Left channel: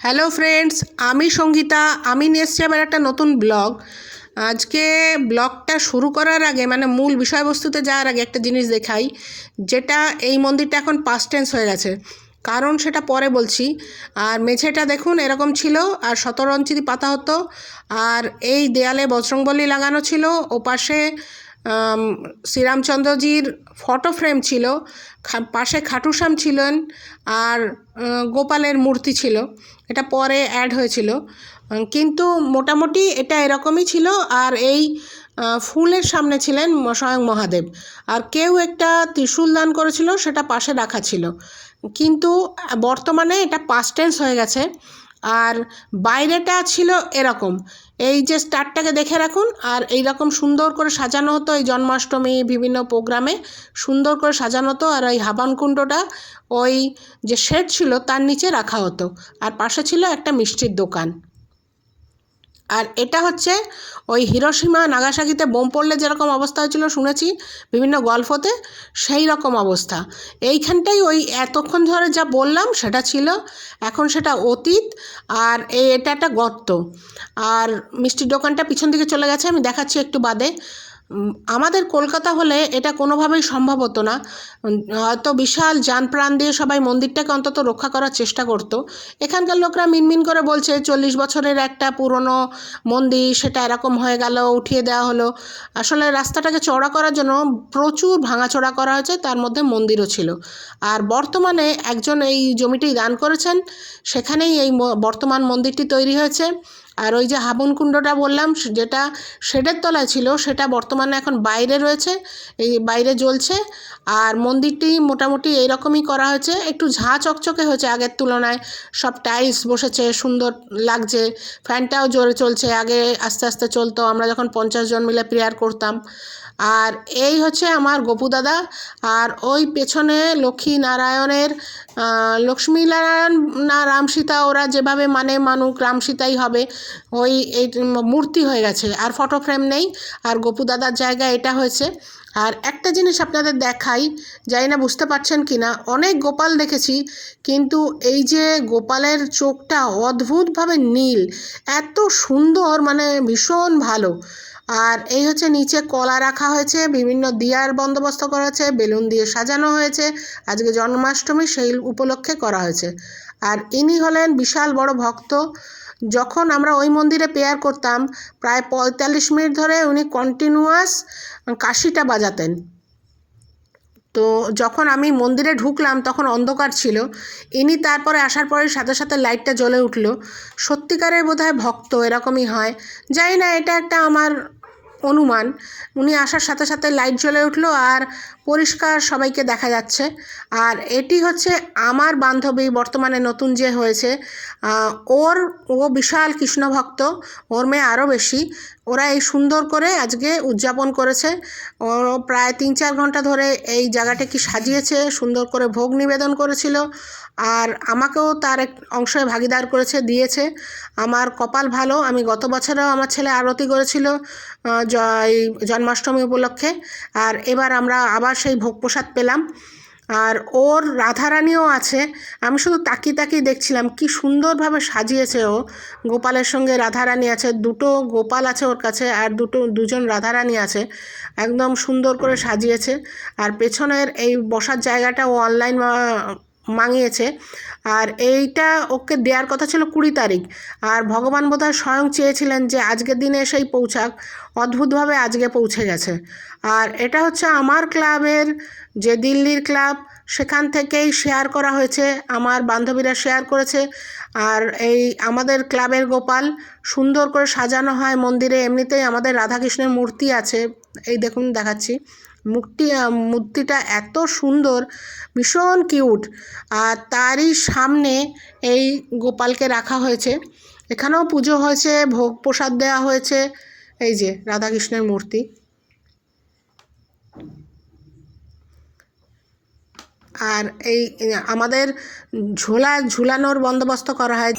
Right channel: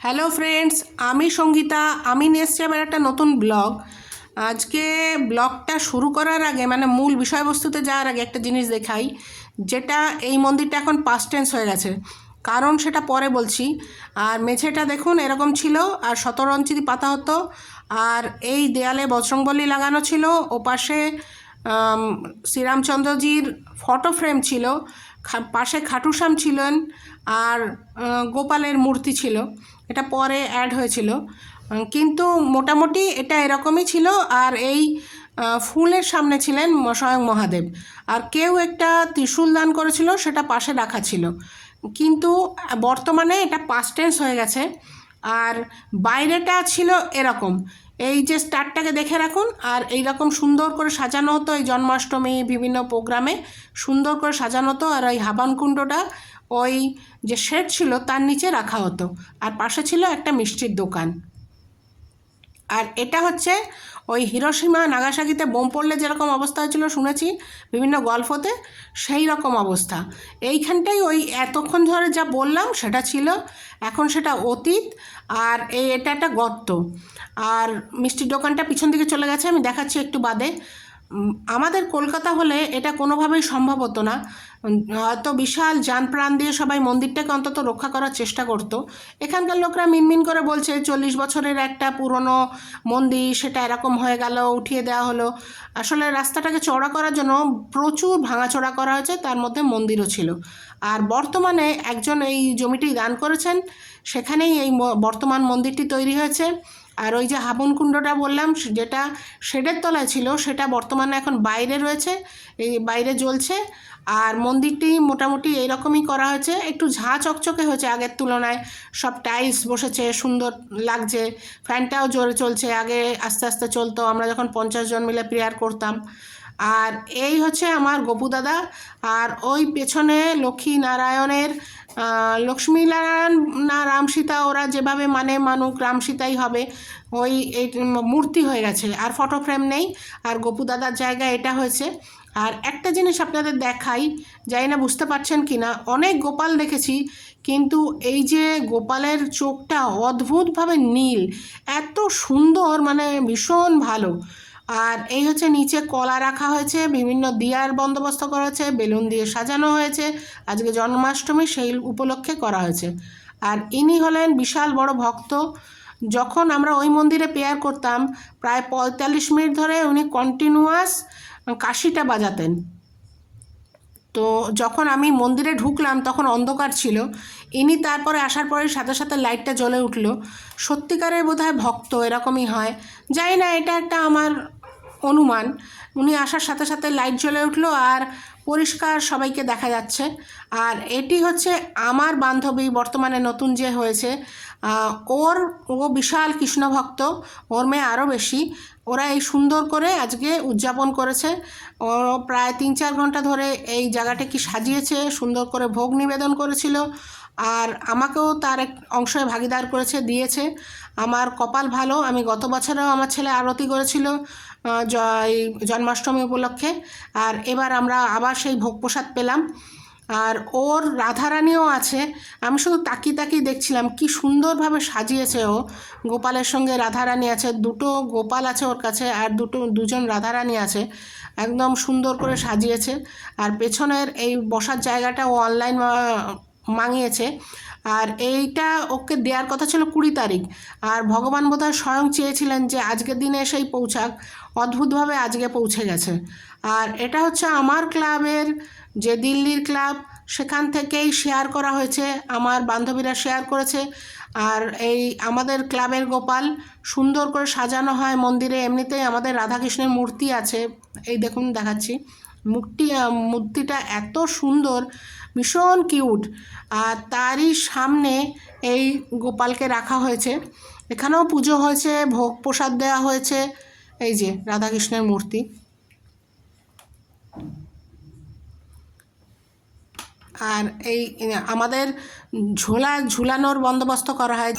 Hello friends, আমি সঙ্গীতা। আমি নিয়ে এসেছি আবার একটা নতুন ব্লগ। আজকে ব্লগটা শুরু করার আগে মূল বিষয়বস্তুতে যাওয়ার আগে একটা জিনিস দেখাই, যেটা এই মন্দিরটা এখন পাস্ট টেন্স হয়ে গেছে, কারণ সেটা পরে বলছি। আর মেঝেটা দেখুন এরকম ছিল, আর 17 ইঞ্চি পাতা হতো, আর এই দেয়ালে বজরংবলী লাগানো ছিল, ওপাশে শ্রীরামচন্দ্রজির ফটো ফ্রেম ছিল, পাশে খাটুশ্যাম ছিলেন, আর গোপালের মূর্তি ছিল। এটা পরে অ্যাড হয়েছিল, কিন্তু মোটামুটি এটা এরকমই ছিল। আর এই ফুলের সামনে ছিলেন স্বয়ং মহাদেব, আর কেউ একটা ত্রিশূল দান করেছিল, সেটা পাশে রাখা ছিল। কিন্তু বর্তমানে এটা পাস্ট টেন্স হয়ে গেছে। আর বাইরেটা ছিল এরকম, এই যে স্টারটাকে দেখে রাখুন, আর এই রকম সুন্দর করে সাজানো হতো। এই জন্মাষ্টমী বিভিন্ন প্রোগ্রামে সুন্দর করে সাজানো হতো, আর ওই হাবানকুণ্ডটা ওই যে শেড ছিল তার নিচে রাখা হতো, আর পাশে ছিল একটা মিষ্টির দোকান। আর এটা হচ্ছে ওই হিরোশিমা নাগাসাকিতে বোম পড়লে যেরকম অবস্থা হয়েছিল শুনেছি বিভিন্ন গল্পতে, সেই রকম অবস্থা এইখানটাই। ওই এতক্ষণ ধরে যা বললাম সেটা ছিল, এখন সেটা অতীত। আর এটা একটা গর্ত, আর মিষ্টির দোকানটা পিছন দিকে চলে গেছে, আমি দেখাচ্ছি একটু বাদে। আমাদের কলকাতা হলে এটা কোনোভাবেই সম্ভব হতো না। হয়তো বিশাল যান প্রাণ দিয়ে সবাই মন্দিরটাকে অন্তত রক্ষা করার চেষ্টা করতো। এখানকার লোকরা মিনমিন করে বলছে 40 বছরের একটা পুরনো মন্দির, সেটা এরকম হয়ে গেল, উঠিয়ে দেওয়া হলো। আসলে রাস্তাটাকে চওড়া করার জন্য প্রচুর ভাঙাচোরা করা হয়েছে, তার মধ্যে মন্দিরও ছিল। আর বর্তমানে একজন এই জমিটি দান করেছেন, সেখানেই এই বর্তমান মন্দিরটি তৈরি হয়েছে। আর ওই যে হাবনকুণ্ডটা বললাম, যেটা শেডের তলায় ছিল, সেটা বর্তমানে এখন বাইরে রয়েছে, এই বাইরে জ্বলছে। আর মন্দিরটি মোটামুটি এইরকমই করা হয়েছে, একটু ঝাঁ চকচকে হয়েছে আগের তুলনায়। সব টাইলস বসেছে, সুন্দর লাগছে, ফ্যানটাও জোরে চলছে, আগে আস্তে আস্তে চলতো, আমরা যখন 50 জন মিলে প্রেয়ার করতাম। আর এই হচ্ছে আমার গপু দাদা। আর ওই পেছনে লক্ষ্মী নারায়ণের, লক্ষ্মী নারায়ণ না রাম সীতা, ওরা যেভাবে মানুক, রাম সীতাই হবে, ওই এই মূর্তি হয়ে গেছে, আর ফটো ফ্রেম নেই। আর গপু দাদার জায়গায় এটা হয়েছে। আর একটা জিনিস আপনাদের দেখাই, জানি না বুঝতে পারছেন কি না, অনেক গোপাল দেখেছি, কিন্তু এই যে গোপালের চোখটা অদ্ভুতভাবে নীল, এত সুন্দর, ভীষণ ভালো। আর এই হচ্ছে নিচে কলা রাখা হয়েছে, বিভিন্ন দিয়ার বন্দোবস্ত করা হয়েছে, বেলুন দিয়ে সাজানো হয়েছে, আজকে জন্মাষ্টমী সেই উপলক্ষে করা হয়েছে। আর ইনি হলেন বিশাল বড় ভক্ত। যখন আমরা ওই মন্দিরে প্রেয়ার করতাম, প্রায় 45 মিনিট ধরে উনি কন্টিনিউয়াস কাশিটা বাজাতেন। তো যখন আমি মন্দিরে ঢুকলাম তখন অন্ধকার ছিল, ইনি তারপরে আসার পরে সাথে সাথে লাইটটা জ্বলে উঠল। সত্যিকারের বোধহয় ভক্ত এরকমই হয়, জানি না, এটা একটা আমার অনুমান। উনি আসার সাথে সাথে লাইট জ্বলে উঠলো, আর পরিষ্কার সবাইকে দেখা যাচ্ছে। আর এটি হচ্ছে আমার বান্ধবী, বর্তমানে নতুন যে হয়েছে, ও বিশাল কৃষ্ণ ভক্ত, ওর মেয়ে আরও বেশি। ওরা এই সুন্দর করে আজকে উদযাপন করেছে। ও প্রায় 3-4 ঘন্টা ধরে এই জায়গাটাকে সাজিয়েছে, সুন্দর করে ভোগ নিবেদন করেছিল, আর আমাকেও তার এক অংশে ভাগিদার করেছে, দিয়েছে। আমার কপাল ভালো, আমি গত বছরেও আমার ছেলে আরতি করেছিল জন্মাষ্টমী উপলক্ষে, আর এবার আমরা আবার সেই ভোগ প্রসাদ পেলাম। আর ওর রাধারানীও আছে, আমি শুধু তাকিয়ে তাকিয়ে দেখছিলাম কি সুন্দরভাবে সাজিয়েছে ও। গোপালের সঙ্গে রাধারানী আছে, দুটো গোপাল আছে ওর কাছে, আর দুজন রাধারানী আছে, একদম সুন্দর করে সাজিয়েছে। আর পেছনের এই বসার জায়গাটা ও অনলাইন মাঙিয়েছে। আর এইটা ওকে দেওয়ার কথা ছিল 20 তারিখ, আর ভগবান বোধহয় স্বয়ং চেয়েছিলেন যে আজকের দিনে এসেই পৌঁছাক, অদ্ভুতভাবে আজকে পৌঁছে গেছে। আর এটা হচ্ছে আমার ক্লাবের, যে দিল্লির ক্লাব, সেখান থেকেই শেয়ার করা হয়েছে, আমার বান্ধবীরা শেয়ার করেছে। আর এই আমাদের ক্লাবের গোপাল সুন্দর করে সাজানো হয় মন্দিরে। এমনিতেই আমাদের রাধাকৃষ্ণের মূর্তি আছে, এই দেখুন দেখাচ্ছি, মূর্তিটা এত সুন্দর, ভীষণ কিউট। আর তারই সামনে এই গোপালকে রাখা হয়েছে, এখানেও পুজো হয়েছে, ভোগ প্রসাদ দেওয়া হয়েছে। এই যে রাধাকৃষ্ণের মূর্তি। আর এই আমাদের ঝোলানোর বন্দোবস্ত করা হয়।